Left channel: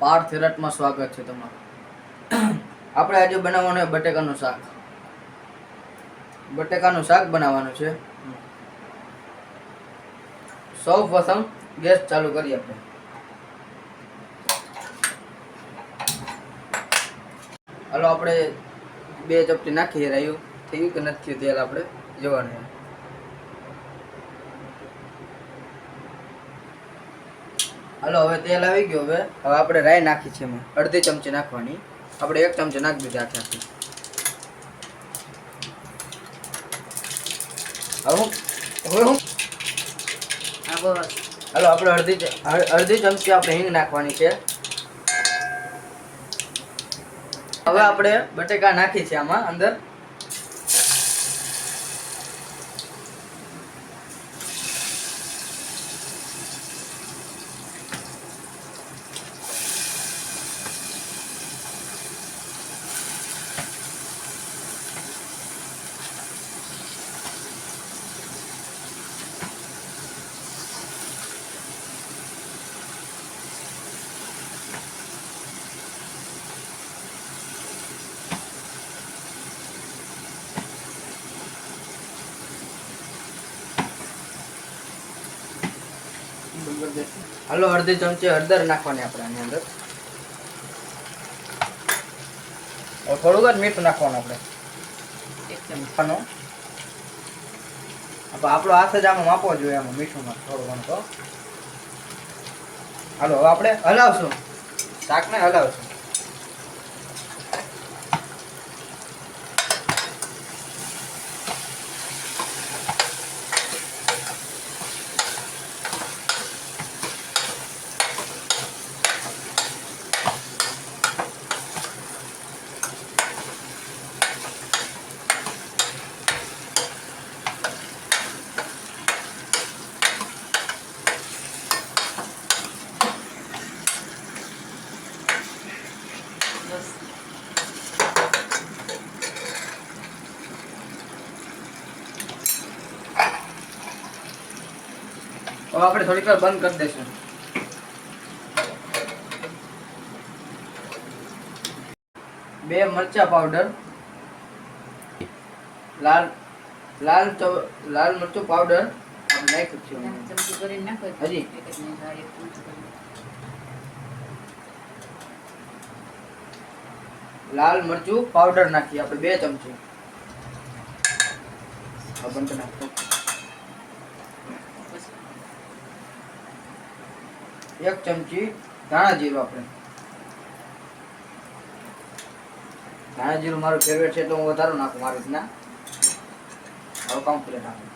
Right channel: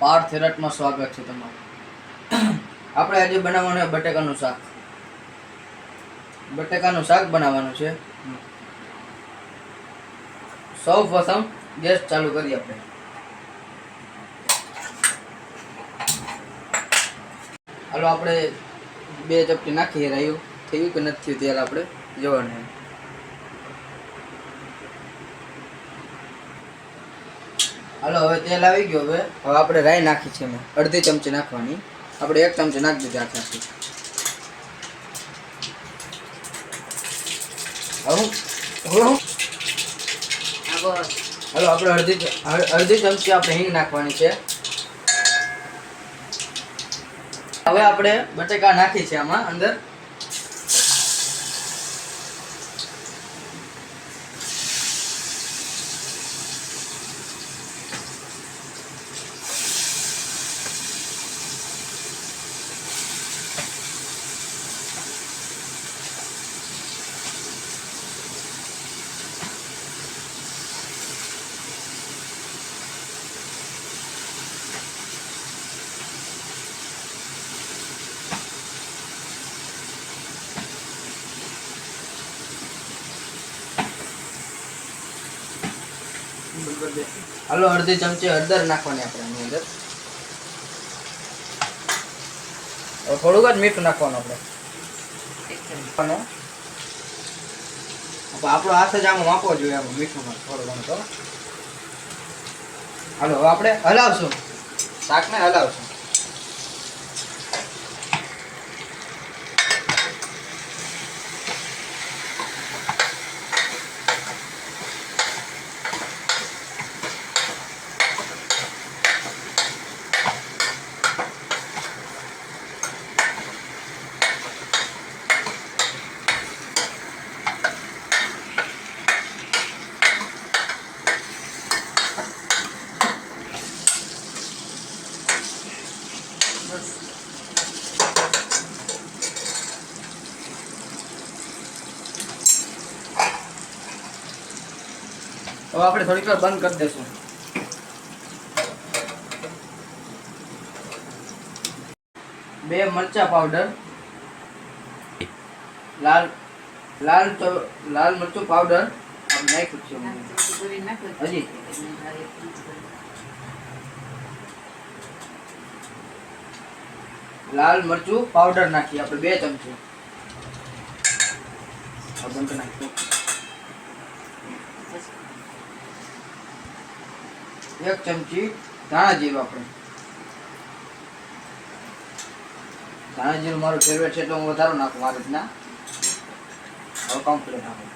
પાર્થ થેરાટમાં સ્વાગત છે તમારું। આપણે આજે બનાવવાનું છે બટેકાનું શાક। બટેકાનું શાક બનાવવાનું છે। સૌ પ્રથમ ગેસ ચાલુ કરીએ આપણે। હાલો આપણે 2 ચપટી નાખીએ। રહ્યું થયું કે નથી થયું તેલ આપણે જોવાનું। હાલો હવે તેલ આવી ગયું। હવે આપણે રાઈ નાખી છે। મેં અડધી ચમચી નાખવાની। આપણે 1 ચમચી નાખી દીધી આખી। હાલો આપણે અડધી ચમચી આપણે હિંગ નાખવાની છે। હવે આપણે બટેકા નાખી છે આમાં અંદર। હાલો અડધી ચમચી હળદર નાખવાની આપણે આની અંદર। થોડુંક જ મીઠું નાખવાનું આપણે। આપણો હાથ જ આમાં માપવો જોઈએ આમાં મીઠું થોડું ઘણું તો। હાલો હવે આપણે હલાવશું, શાકને હલાવશું। હવે આપણે થોડીક વાર બંધ કરી દઈશું। બે મરચા પાવડર, લાલ મરચું પાવડર આપણે નાખ્યું છે હજી। લાલ મરચું પાવડર નાખીએ આપણે 2 ચમચી। બંધ નાખ્યું 1 ચમચી ધાણા જીરું। આપણે ધાણા જીરું મારું ફેવરેટ છે એટલે હું વધારે નાખું મારી રીતના। હવે કમ્પ્લીટ નાખું।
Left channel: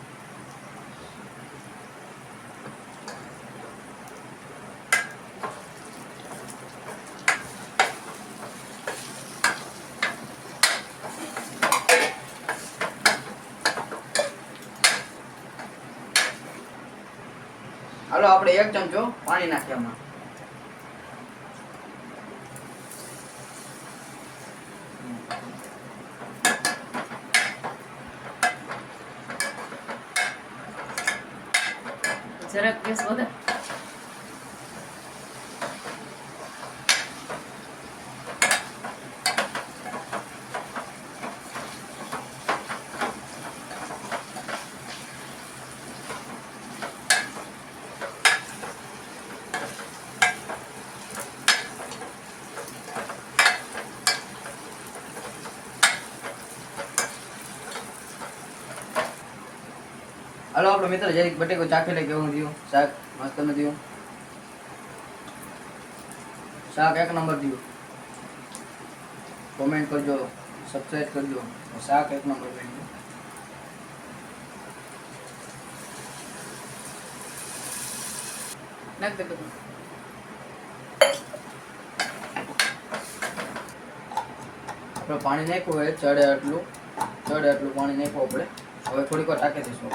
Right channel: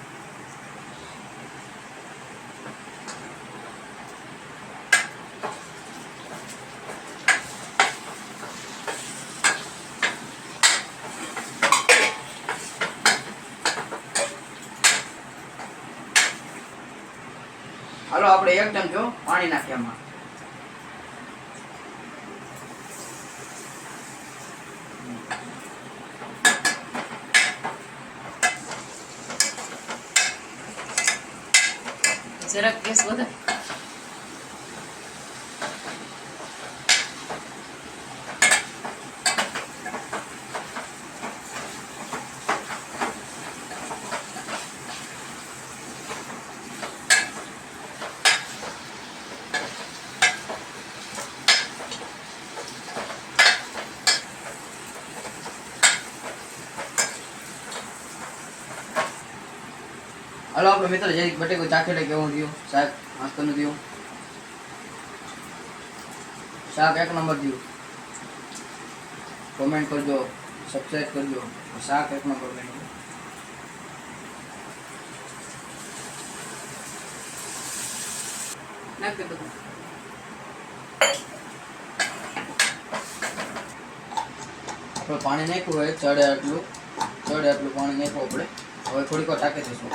હાલો આપણે 1 ચમચો પાણી નાખીએ આમાં। જરાક ગેસ વધારે। હાલો આપણે મિત્રો જરીક બટેકો ચાખી લે કેવું થયું શાક। મસ્ત ન થયું શાક, 1 નંબર થયું। કોમેન્ટ કરજો, સબસ્ક્રાઇબ કરજો। શાક 1 નંબર બન્યું। નાખ દે બધું। આપણે પાણી નાખ્યું હોય ચડે એટલું પાણી નાખવું આપણે। હવે થોડીક વાર ટાંકી દઈશું।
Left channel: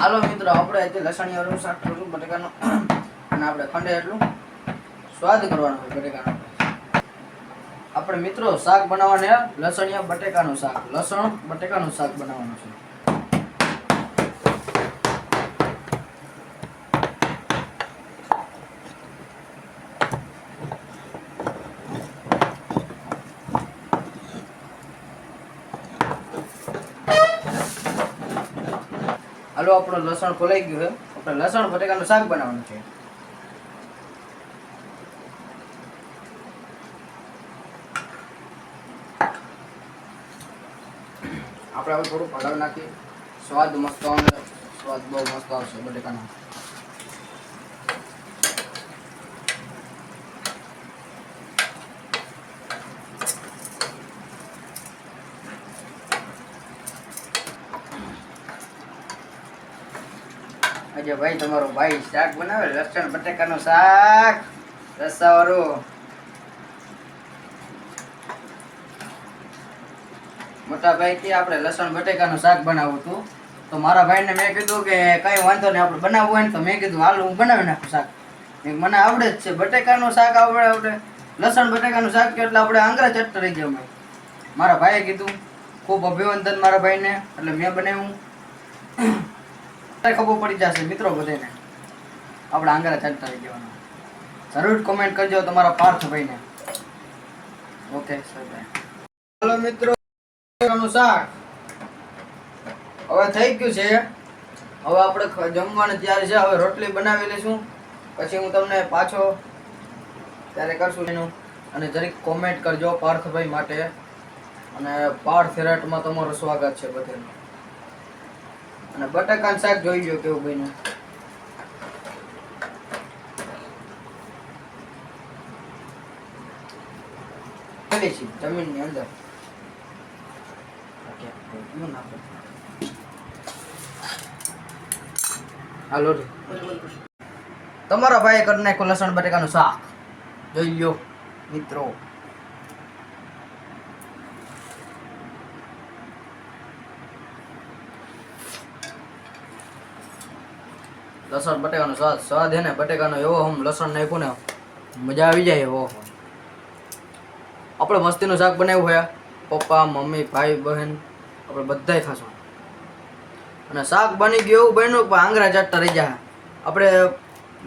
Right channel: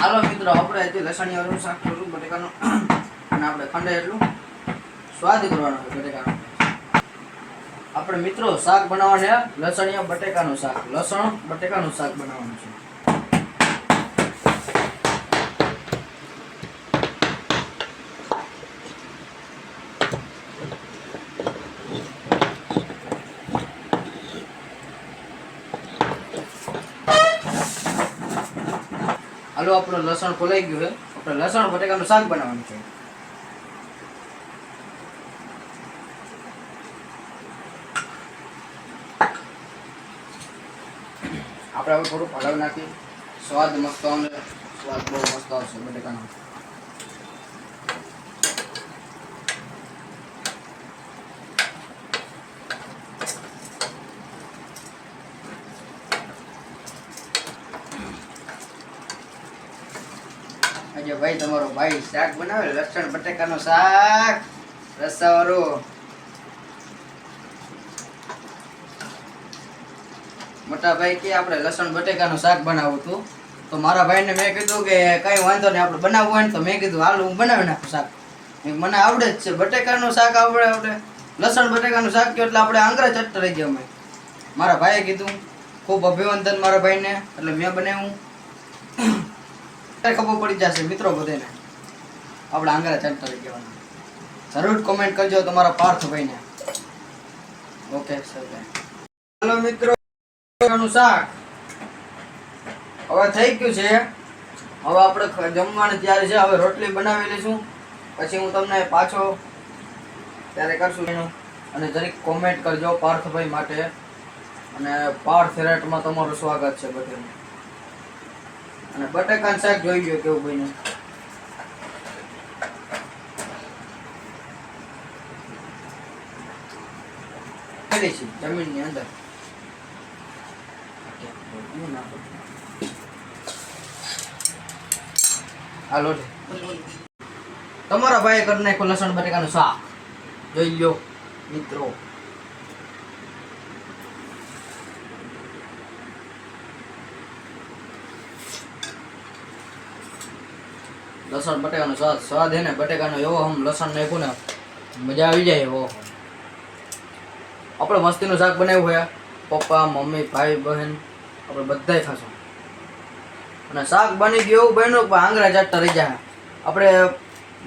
હાલો મિત્રો આપણે આજે લસણિયાનું શાક કરશું બટેકાનું। અને આપણે ખંડે એટલું સ્વાદ કરવાનો છે બટેકાનો। આપણે મિત્રો શાક બનાવવાને લસણિયા બટેકાનું શાક, લસણ બટેકાનું શાક બનાવવાનું છે. હાલો આપણું લસણ ખોલાઈ ગયું છે. આપણે લસણ બટેકાનું શાક બનાવવાનું છે. આપણે હવે થોડું હળદર નાખી સ્વાદ મસ્ત આવશે. સ્વાદ બહુ મસ્ત આવશે બટેકાનો. આજે ભાઈ તમારો ભાઈ શાક બનાવે, લસણ બટેકાનું શાક રસાવાળું. મોટા ભાઈ કે આપણે લસણ બટેકાનું શાક બનાવવું હતું, તો મારા ભાઈને મેં કીધું કે કઈ વાંધો નહીં, આપણે બનાવવું હોય ને તો મેં કીધું હાલ હું બનાવી નાખું શાક. મને આવડે જ છે બટેકાનું શાક, આવડે લસણ બટેકાનું શાક એટલે આપણે આંગળા ચટ્ટ રહી ગયા. મારા ભાઈએ કીધું ખૂબ અભિનંદન મારા ભાઈને, એટલે મેં બનાવ્યું. ખબર પડી જશે મિત્રો બધાને, આપણે આંગળા ચટ્ટ રહી જવાના. જરૂર કોમેન્ટ કરજો તમારા પાર્થભાઈને. ઓકે સર ભાઈ. હાલો મિત્રો, શાક હવે થઈ ગયું છે. હવે આપણે જમવાની તૈયારી છે. હવે રોટલી બનાવી લઈશું, પછી હું તમને પાછો ત્યારે કરશું એનું. અને જરીક કોમેન્ટ કરજો પાર્થભાઈ માટે, અને પાર્થ રેટમાં તમારું સ્વાગત છે બધાનું. અને બટાકાનું શાક જોઈ ગયો કેવું બન્યું. જમીનની અંદર હાલો તમારા ભાઈ કરી નાખો લસણ બટેકાનું શાક. જોઈ લ્યો મિત્રો. લસણ બટેકાનો સ્વાદ હે ને બટેકાનો એવો, આમ લસણ નાખ્યું ને મજા આવી જાય એવો. આપણે મસ્તીનું શાક બનાવ્યું હોય, પપ્પા મમ્મી ભાઈ બહેન આપણે બધાય ખાશું. અને શાક બની ગયું એવું બન્યું પણ આંગળા ચાટતા રહી જાય. આપણે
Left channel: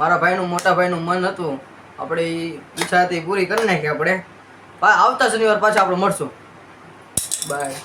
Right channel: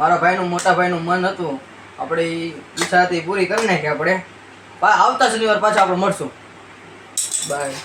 મારા ભાઈનું મોટા ભાઈનું મન હતું, આપણે ઈચ્છા હતી પૂરી કરી નાખી. આપણે આવતા શનિવાર પાછા આપણે મળશું. બાય.